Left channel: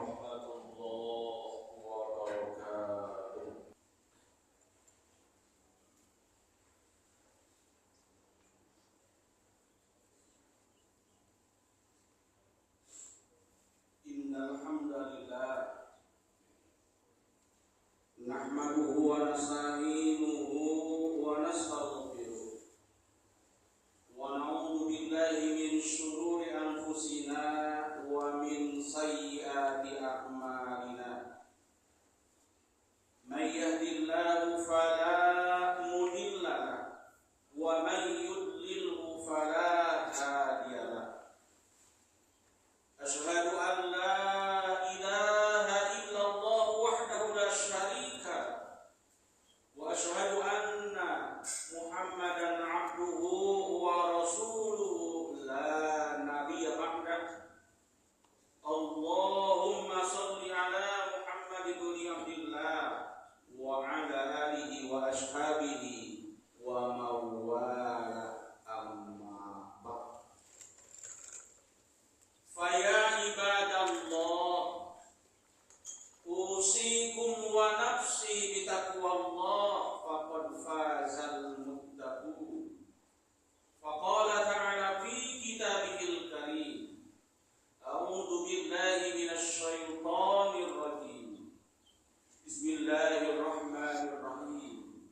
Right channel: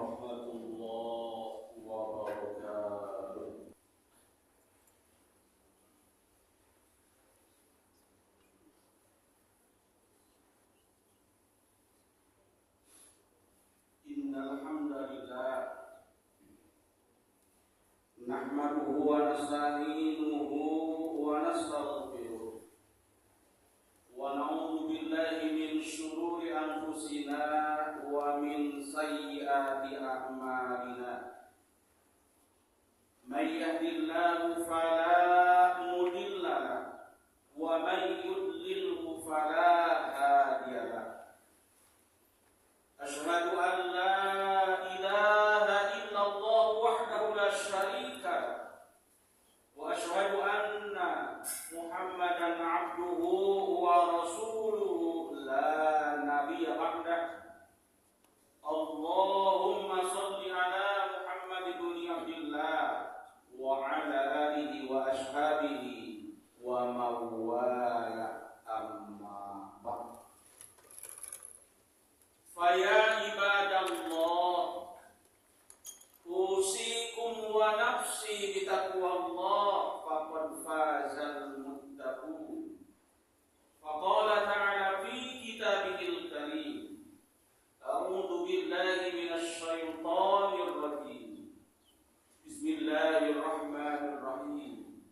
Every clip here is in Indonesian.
warahmatullahi wabarakatuh. Innal hamdalillah nahmaduhu wa nasta'inuhu wa nastaghfiruh wa na'udzu billahi min shururi anfusina wa min sayyiati a'malina. May yahdihillahu fala mudilla lahu wa may yudlilhu fala hadiya lahu. Asyhadu an la ilaha illallah wahdahu la syarika wa asyhadu anna Muhammadan abduhu wa rasuluhu la nabiyya ba'dah. Allahumma shalli ala Muhammad ibn Abdillah wa ala alihi wa ashabihi wa mawala amma ba'd. Faya ibadallah usikum wa nafsi bitaqwallah faqad fazal muttaqun. Faqala ta'ala fi kitabihil karim, a'udzu billahi minasy syaithanir rajim. Bismillahirrahmanirrahim.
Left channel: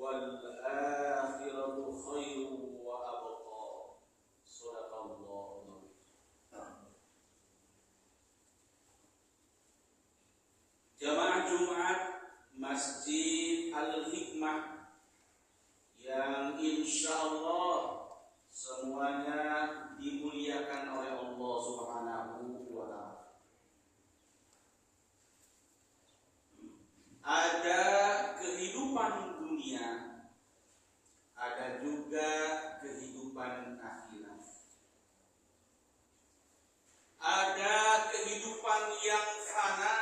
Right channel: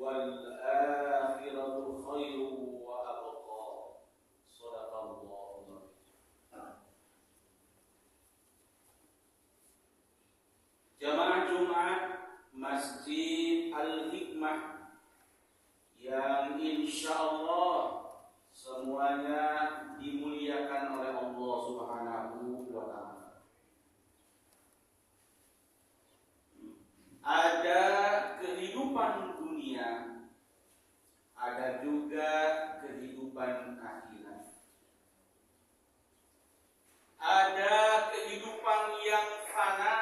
Wal akhiratu khairu wa abqa. Shadaqallahu. Jamaah Jumat Masjid Al-Hikmah yang insyaallah semuanya dimuliakan oleh Allah Subhanahu wa ta'ala. Ada kehidupan dunia, ada juga kehidupan akhirat. Ada kehidupan yang fana,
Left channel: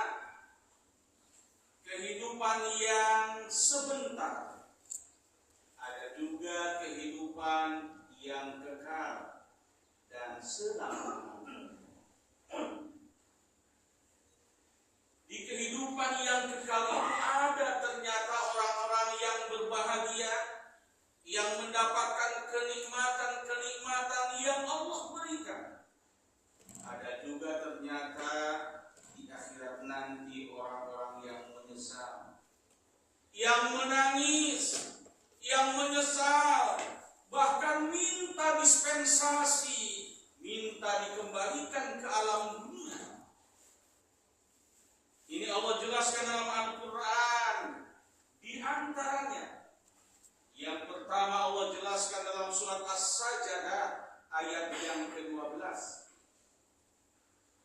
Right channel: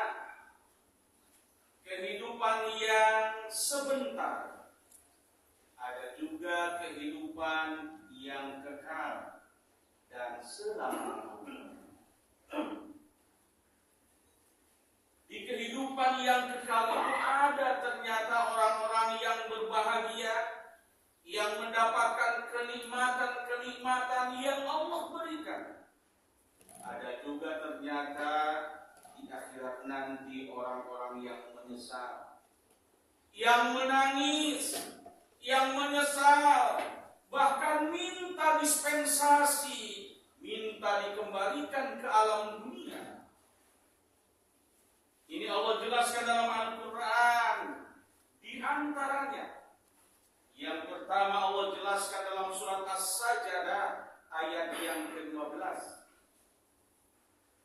kehidupan yang sebentar. Ada juga kehidupan yang kekal dan selama-lamanya. Di kehidupan yang kekal itu ada ternyata orang-orang yang berbahagia, yang mendapatkan kenikmatan-kenikmatan yang Allah berikan. Ada juga ternyata di akhirat nanti orang-orang yang menyesal, yang menangis, yang menyesal, bahkan minta dispensasi, minta dikembalikan ke alam dunia. Ini Allah jelaskan dalam Al-Quran. Di antaranya, yang pertama Allah jelaskan dalam surat As-Sajdah ayat yang ke-12.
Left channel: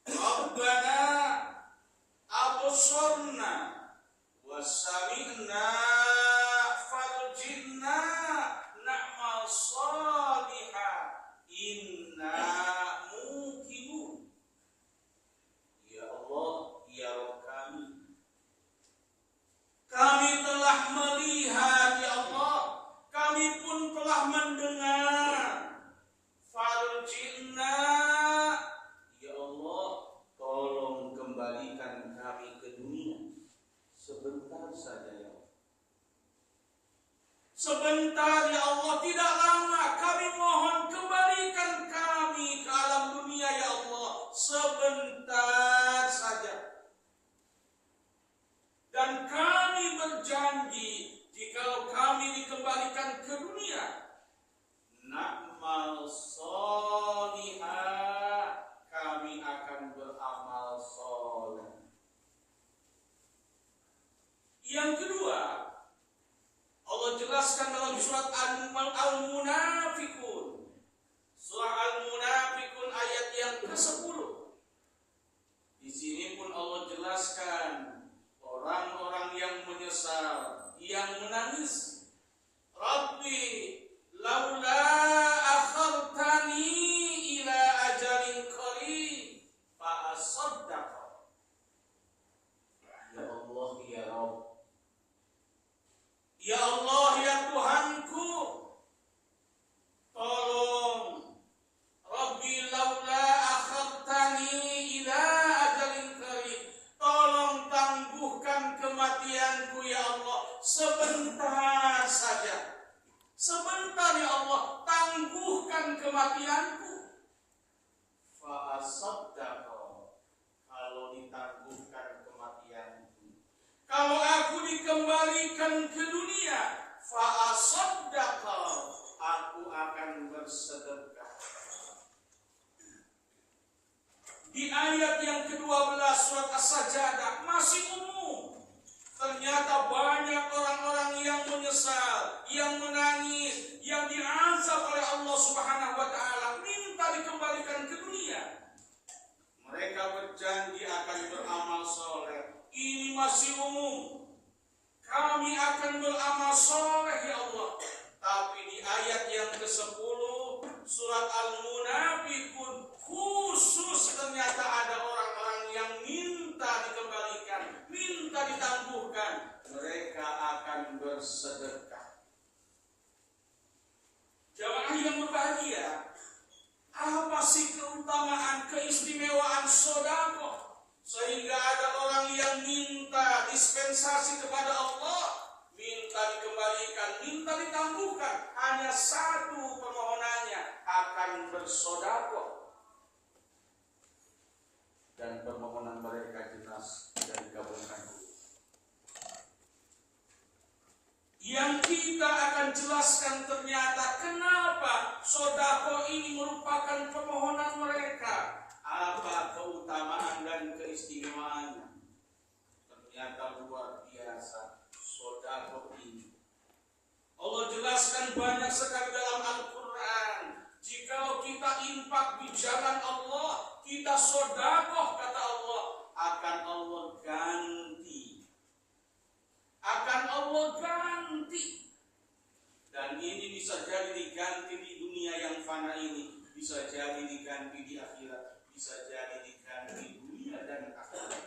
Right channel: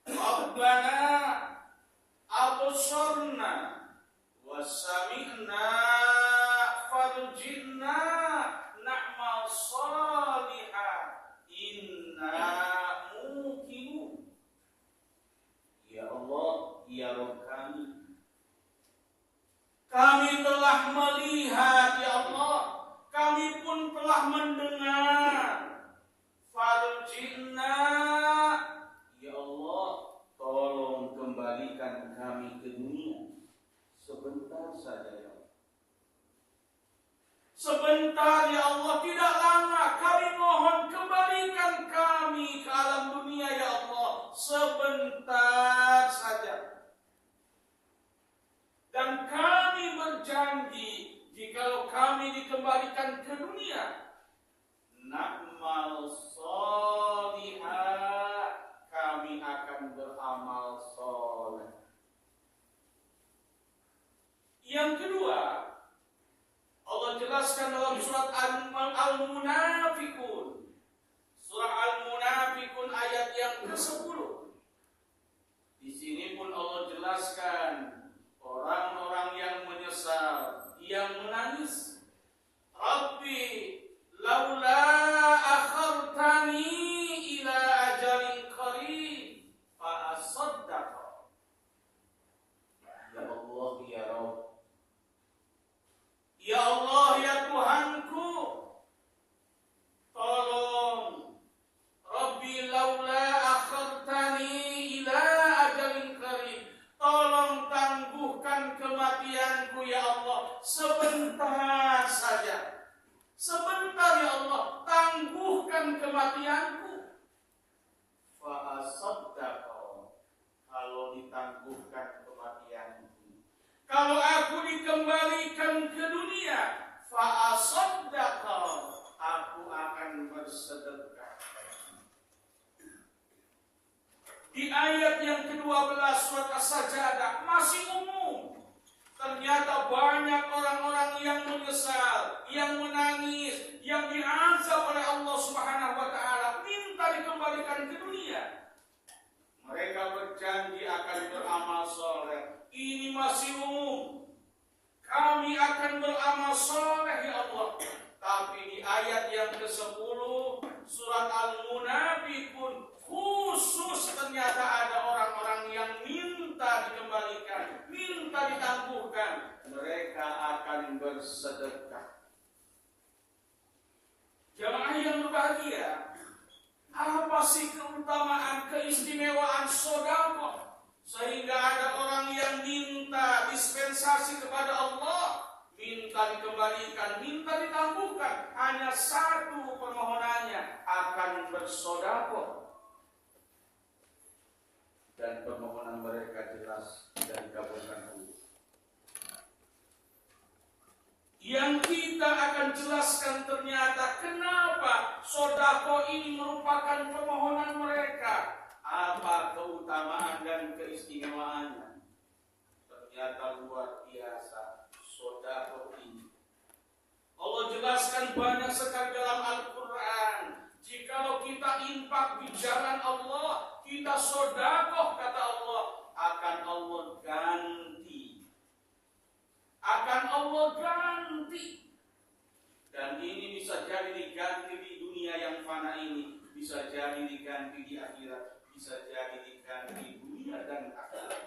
Rabbana absarna wa sami'na farjina na'mal salihah inna muqinun. Ya Allah, ya Rabb kami telah melihat, ya Allah, kami pun telah mendengar. Farjina, ya Allah, tolong kembalikan kami ke dunia sebentar saja, ya Allah. Sebentar, ya Allah, tidak lama. Kami mohon kembalikan kami ke alam dunia, ya Allah, sebentar saja. Dan kami berjanji, jika kami dikembalikan ke dunia, na'mal salihah, kami akan beramal soleh. Yang kedua, Allah jelaskan dalam surat Al-Munafikun. Surah Al-Munafikun ayat yang ke-10. kematianku. Fa'asaddaqa, kalau ditangguhkan kematianku. Kalau aku dikembalikan ke dunia, Fa'asaddaqa, aku akan bersedekah. di ayat yang ke-12 surat As-Sajdah masih umum. Ternyata banyak orang-orang yang menyesal, yang menangis, yang diazab oleh Allah Subhanahu wa taala, minta dikembalikan ke dunia. Mereka berjanji akan beramal soleh. Ini masih umum. Kami akan beramal soleh ya Allah. Tapi di ayat yang ke-10 surat Al-Munafiqun khusus ternyata ada orang-orang yang minta dikembalikan, minta ditangguhkan. Mereka akan bersedekah. Jamaah yang berbahagia, apa sih keutamaan, keistimewaan sedekah sehingga ada orang yang minta dispensasi kepada Allah, minta dikembalikan, minta ditangguhkan, hanya satu permohonannya, akan bersedekah. Dan permohonan mereka jelas dan dikabulkan Allah. Yang kita akan jelaskan ternyata kenapa sedekah ini merupakan permohonan mereka. Apa keutamaan dan keistimewaannya? Ternyata luar biasa sedekah ini. Allah jelaskan banyak sekali dalam Al-Quran. Jikalau kita infak di jalan Allah, kita sedekah, kata Allah, akan Allah ganti. Akan Allah ganti. Dan ini bisa jadi diganti di dunia yang fana ini, bisa jadi diganti di akhirat, bisa jadi diganti di dunia dan akhirat.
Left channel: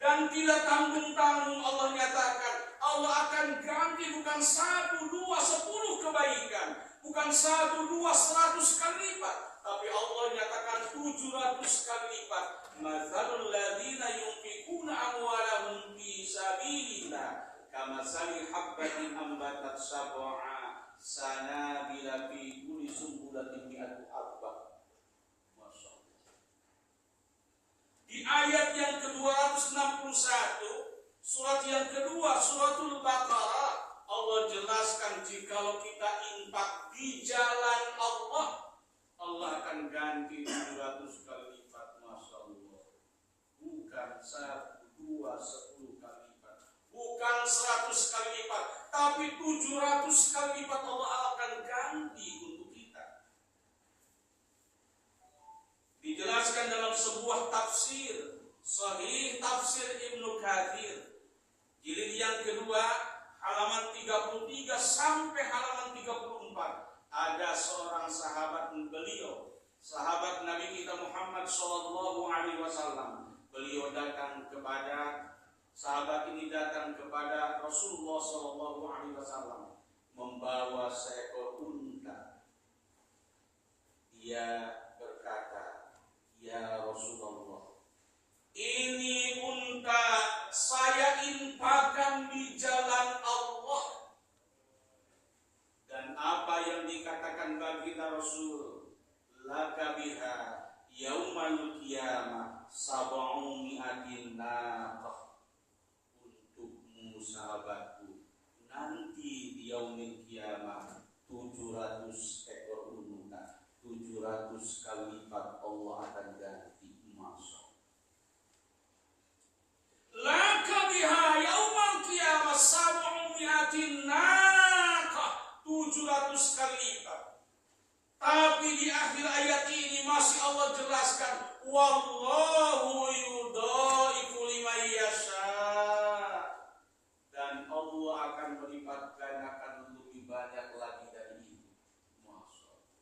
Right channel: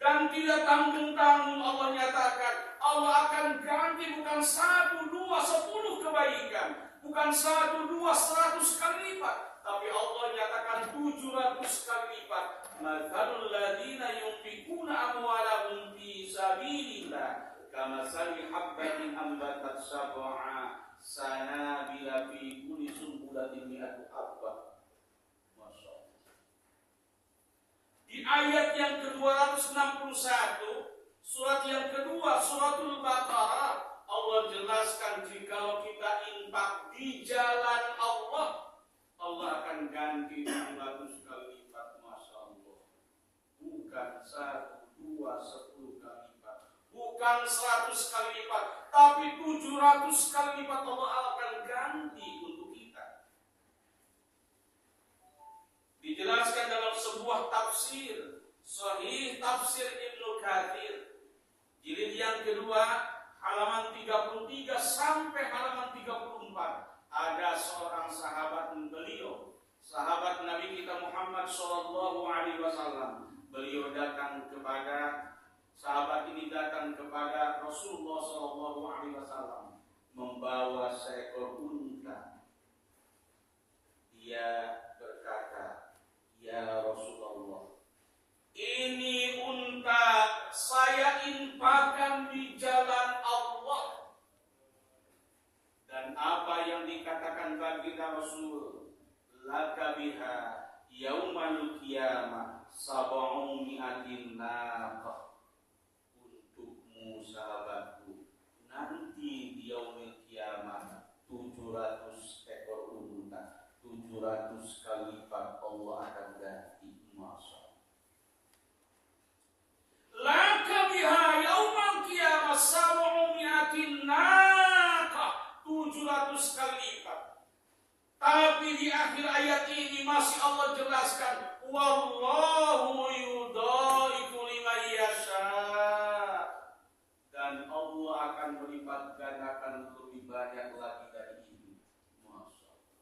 Dan tidak tanggung-tanggung Allah nyatakan, Allah akan ganti bukan 1, 2, 10 kebaikan, bukan 1, 2, 100 kali lipat, tapi Allah nyatakan 700 kali lipat. Mathalul ladzina yunfikuna amwalahum fi sabilillah kamathali habbatin ambatat sab'a sanabila fi kulli sunbulatin mi'atu habbah. Masyaallah. Di ayat yang ke-261, surat yang kedua, suratul Baqarah, Allah jelaskan jikalau kita infak di jalan Allah, Allah akan ganti 700 kali lipat. Masya Allah. Bukan 1, 2, 10 kali lipat, bukan 100 kali lipat, tapi 700 kali lipat Allah akan ganti untuk kita. Dijelaskan dalam sebuah tafsir Sahih Tafsir Ibnu Katsir, jilid yang kedua, halaman 33 sampai halaman 34. Ada seorang sahabat beliau, sahabat Nabi kita Muhammad sallallahu alaihi wasallam. Beliau datang kepada, sahabat ini datang kepada Rasulullah sallallahu alaihi wasallam membawa seekor unta. Dia berkata, "Ya Rasulullah, ini unta saya infakkan di jalan Allah." Dan apa yang dikatakan bagi kita Rasul, "Laka biha yaumal qiyamah sab'u mi'atin naqah." Untukmu sahabatku, nanti di yaumil qiyamah 700 ekor unta, 700 kali lipat Allah akan ganti. Masya. Laka biha yaumal qiyamah sab'u mi'atin naqah, 700 kali lipat. Tapi di akhir ayat ini masih Allah jelaskan, wallahu yudhaifu liman yasha. Dan Allah akan melipat gandakan lebih banyak lagi dari ini. Masya Allah.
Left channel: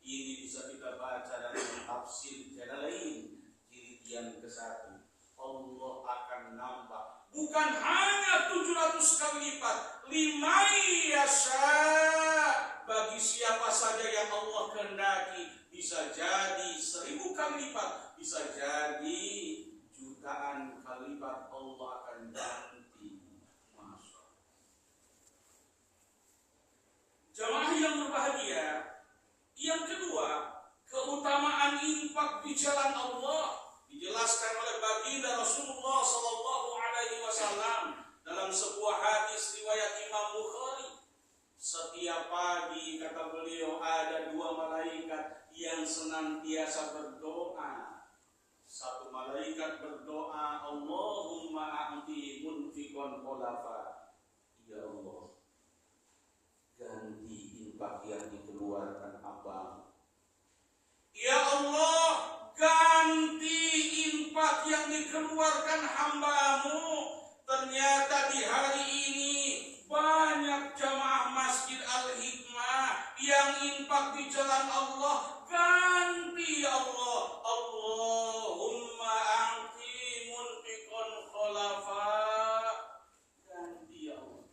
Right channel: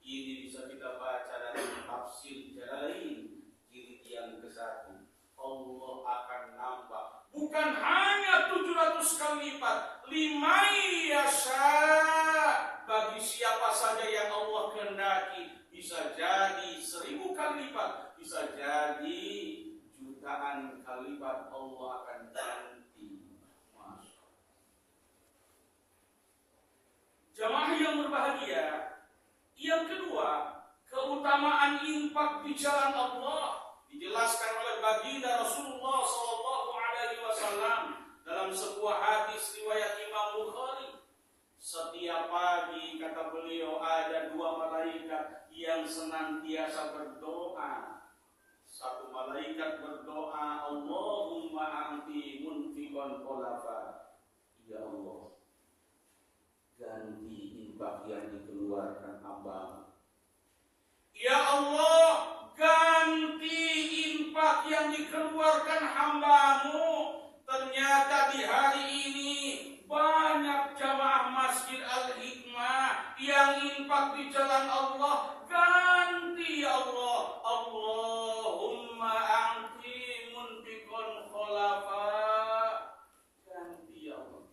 Ini bisa kita baca dalam tafsir Jalalain jilid yang ke-1. Allah akan nambah, bukan hanya 700 kali lipat, liman yasha, bagi siapa saja yang Allah kehendaki. Bisa jadi 1000 kali lipat, bisa jadi jutaan kali lipat Allah akan ganti. Masya Allah. Jamaah yang berbahagia, yang kedua, keutamaan infak di jalan Allah dijelaskan oleh baginda Rasulullah Sallallahu Alaihi Wasallam dalam sebuah hadis riwayat Imam Bukhari. Setiap pagi, kata beliau, ada dua malaikat yang senantiasa berdoa. Satu malaikat berdoa, Allahumma a'ti munfiqan khulafa. Ya Allah, ganti infak yang dikeluarkan hamba-Mu. Ya Allah, ganti infak yang dikeluarkan hamba-Mu. Ternyata di hari ini banyak jamaah Masjid Al-Hikmah yang infak di jalan Allah. Ganti ya Allah, Allahumma a'ti munfiqan khulafa. Ganti ya Allah.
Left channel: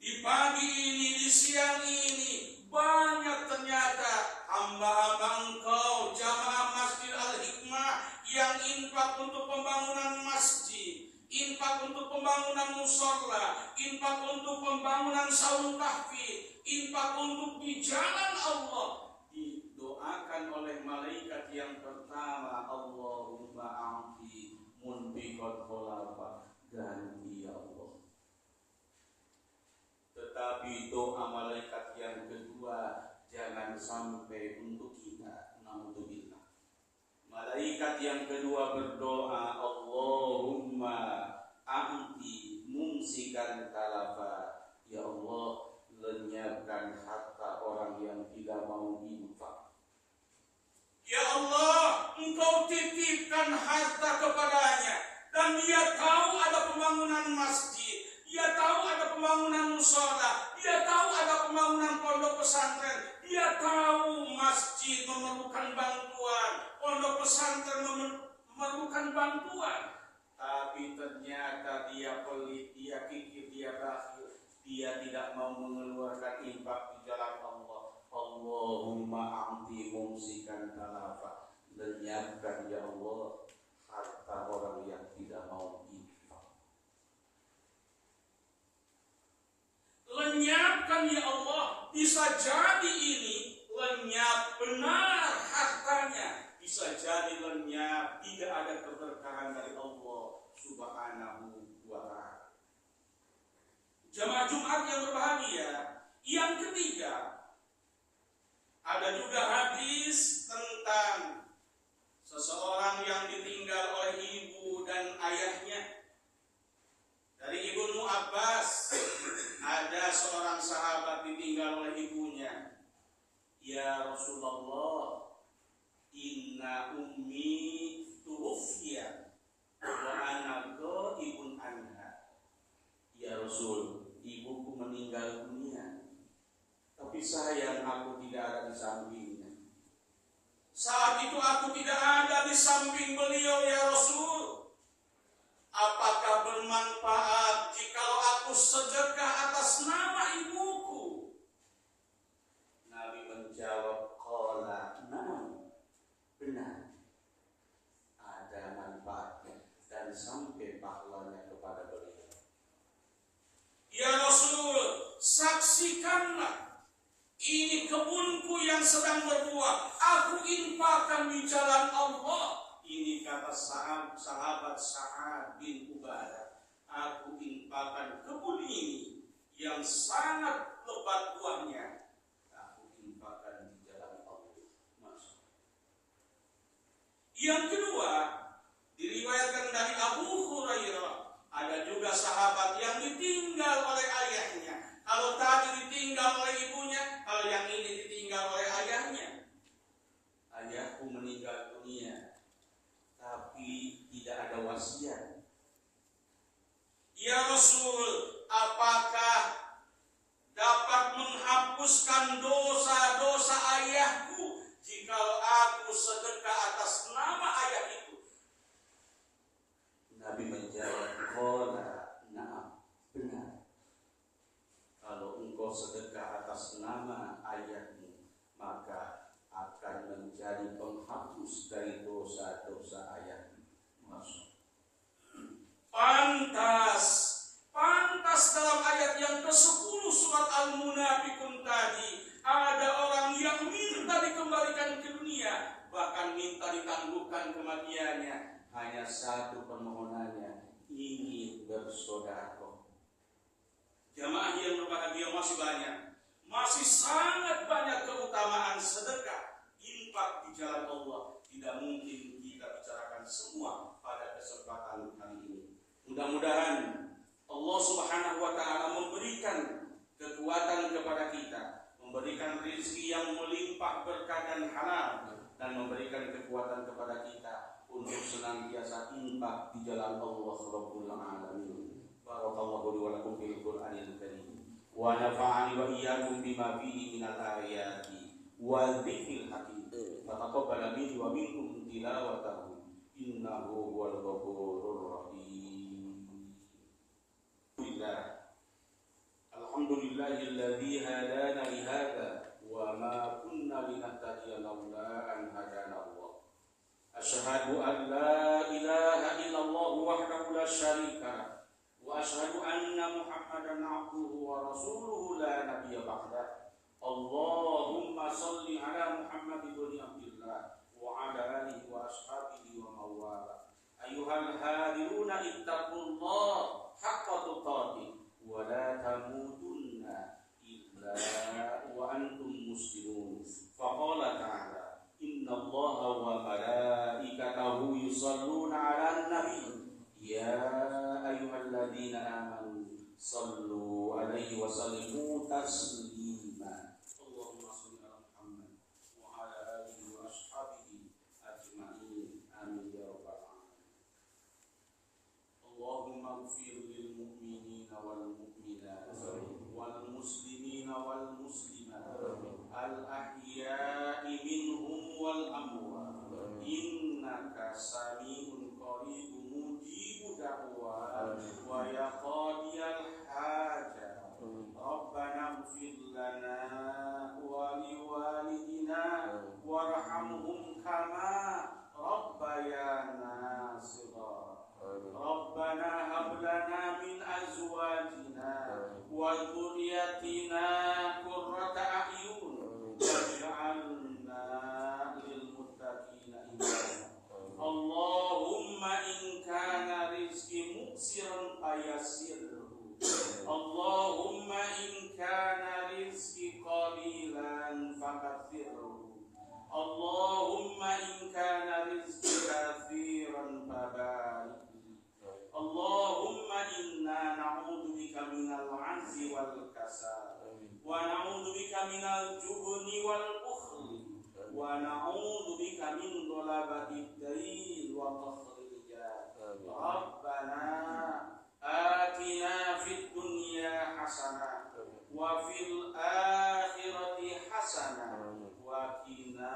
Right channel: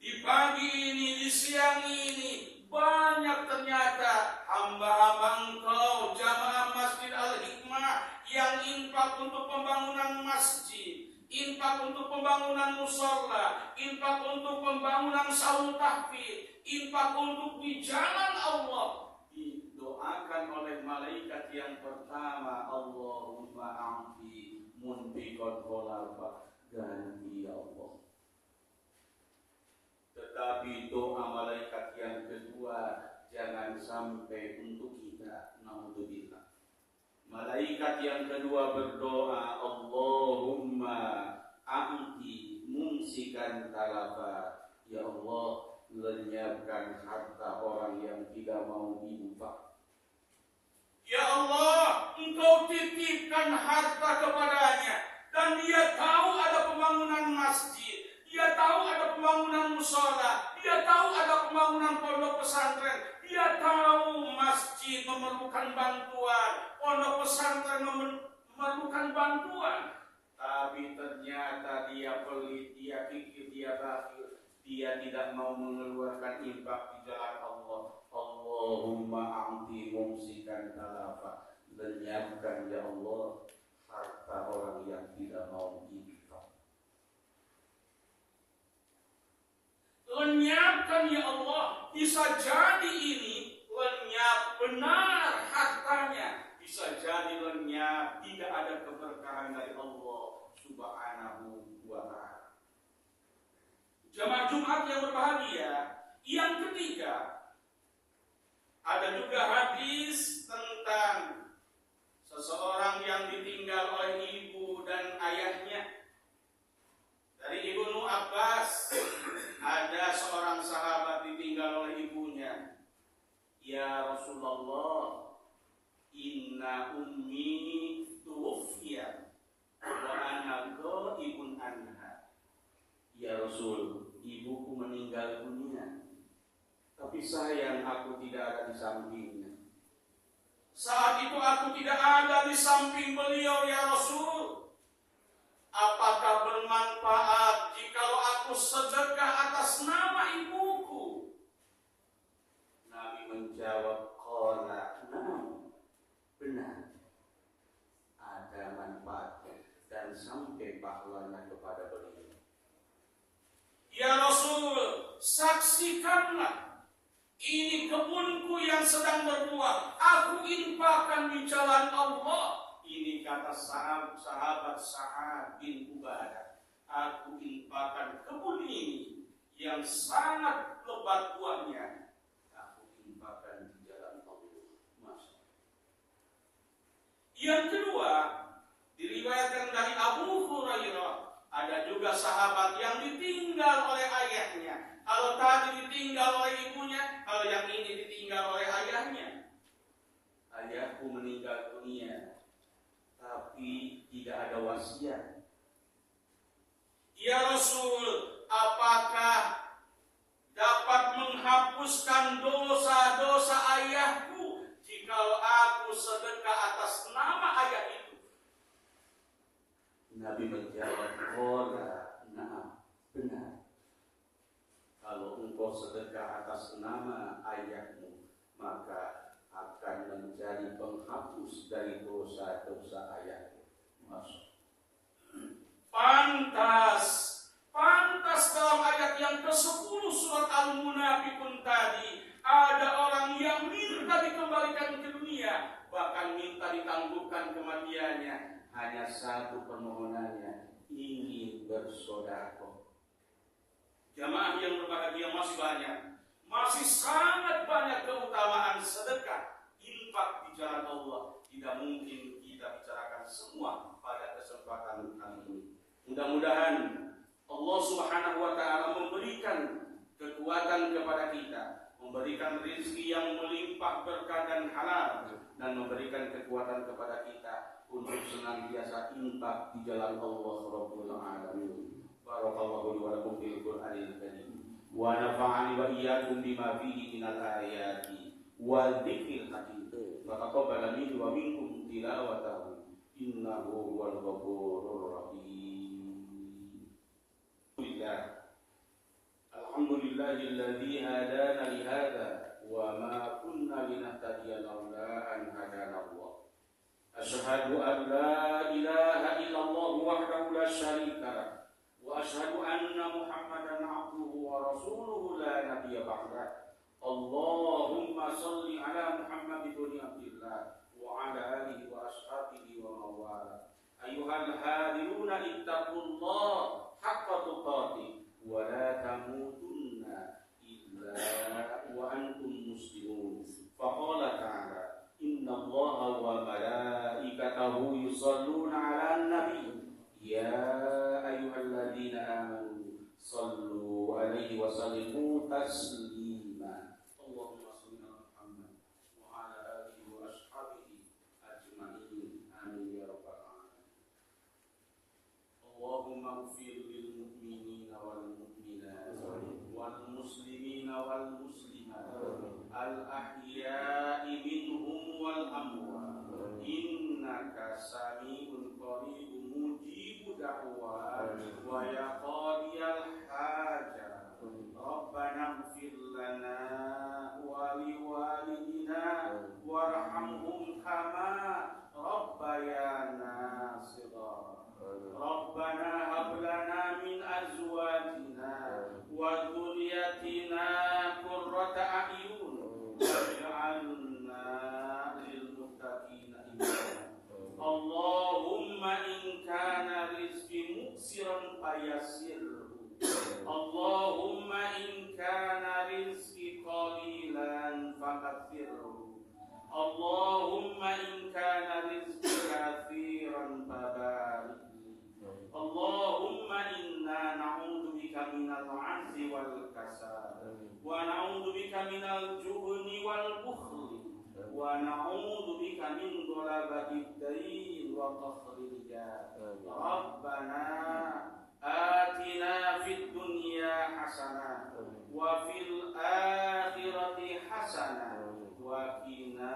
Di pagi ini, di siang ini, banyak ternyata hamba-hamba Engkau, jamaah Masjid Al-Hikmah yang infak untuk pembangunan masjid, infak untuk pembangunan mushola, infak untuk pembangunan saung tahfidz, infak untuk di jalan Allah. Didoakan oleh malaikat yang pertama, Allahumma a'ti munfiqan khulafa. Ganti ya Allah. Tetapi doa malaikat yang kedua jangan sampai untuk kita. Naudzubillah. Malaikat yang kedua berdoa, Allahumma a'ti mumsikan talafa. Ya Allah, lenyapkan harta orang yang tidak mau infak. Ya Allah, Engkau titipkan harta kepadanya dan dia tahu ada pembangunan masjid, dia tahu ada pembangunan mushola, dia tahu ada pembangunan pondok pesantren, dia tahu masjid memerlukan bantuan, pondok pesantren memerlukan bantuan. Tapi ternyata dia pelit, dia kikir, dia bakhil, dia tidak mau mengeluarkan infak di jalan Allah. Allahumma a'ti mumsikan talafa. Lenyapkan ya Allah harta orang yang tidak mau infak. Lenyapkan ya Allah. Bisa jadi ini lenyap benar hartanya, bisa jadi lenyap tidak ada keberkahan dari Allah Subhanahu wa ta'ala. Jemaah Jumat yang berbahagia, yang ketiga, ada juga hadis tentang seseorang yang ditinggal oleh ibu dan ayahnya. Dari Ibnu Abbas, ada seorang sahabat ditinggal oleh ibunya. Ya Rasulullah, inna ummi tuwfiyat wa ana ghaibun anha. Ya Rasul, ibuku meninggal dunia, tapi sayang aku tidak ada di sampingnya. Saat itu aku tidak ada di samping beliau ya Rasul. Apakah bermanfaat jikalau aku sedekah atas nama ibuku? Nabi menjawab, qala na'am, benar, ada manfaatnya dan sampai pahalanya kepada beliau. Ya Rasul, saksikanlah, ini kebunku yang sedang berbuah, aku infakkan di jalan Allah. Ini kata sahabat Sa'ad bin Ubadah, aku infakkan kebun ini yang sangat lebat buahnya, aku infakkan di jalan Allah. Masya. Yang kedua, diriwayatkan dari Abu Hurairah, ada juga sahabat yang ditinggal oleh ayahnya. Kalau tadi ditinggal oleh ibunya, kalau yang ini ditinggal oleh ayahnya. Ayahku meninggal dunia, tapi tidak ada wasiat. Ya Rasul, apakah dapat menghapuskan dosa-dosa ayahku jikalau aku sedekah atas nama ayah itu? Nabi menjawab, qala na'am, benar. Kalau engkau sedekah atas nama ayahmu, maka akan menjadi penghapus dari dosa-dosa ayahmu. Masuk. Pantas dalam ayat yang ke-10 surat Al-Munafiqun pikun tadi, ada orang yang minta dikembalikan ke dunia, bahkan minta ditangguhkan kematiannya. Hanya satu permohonannya, ingin bersedekah. Jamaah yang berbahagia, masih banyak, masih sangat banyak keutamaan sedekah, infak di jalan Allah. Tidak mungkin kita bicarakan semua pada kesempatan kali ini. Mudah-mudahan Allah Subhanahu wa taala memberikan kekuatan kepada kita, memberikan rezeki yang melimpah berkah dan halal, dan memberikan kekuatan kepada kita untuk senantiasa infak di jalan Allah Rabbul Alamin. Barakallahu li wa lakum fil Qur'anil Karim wa nafa'ani wa iyyakum bima fihi minal ayati wa dzikril hakim. Fataqabbal minni wa minkum tilawatahu innahu huwal ghafurur rahim. Alhamdulillahilladzi hadana li hadza wa ma kunna linahtadiya laula an hadana Allah. Asyhadu an la ilaha illallah wahdahu la syarika lah wa asyhadu anna Muhammadan abduhu wa rasuluhu la nabiyya ba'dah. Allahumma salli ala Muhammad ibn Abdillah wa ala alihi wa ashabihi wa mawala. Ayyuhal hadiruna ittaqullah haqqa tuqatih wa la tamutunna illa wa antum muslimun. Faqala ta'ala inna Allaha wa malaikatahu yusalluna 'alan nabi ya ayyuhalladzina amanu sallu 'alaihi wa sallimu taslima. Allahumma shalli 'ala Muhammad wa 'ala alihi wa ashabihi ajma'in. Amin ya rabbal alamin. Allahumma ighfir lil mu'minina wal mu'minat wal muslimina wal muslimat al ahya'i minhum wal amwat innaka sami'un qaribun mujibu da'wat wa yaqadiyal hajat. Rabbana ighfir lana wa liwalidina warhamhum kama rabbayana shighara. Rabbana hab lana min azwajina wa dhurriyyatina qurrata a'yun waj'alna lil muttaqina imama. Allahumma in kana rizqi muksiran fayassirhu. Allahumma in kana rizqi qalilan fakaththirhu. Allahumma in kana rizqi kathiran fabarik. Allahumma inna na'udzu bika minal 'ajzi wal kasal wa na'udzu bika minal jubni wal bukhli wa na'udzu bika min dhalabatid dain wa qahri rijal. Rabbana atina fid dunya hasanah wa fil akhirati hasanah wa qina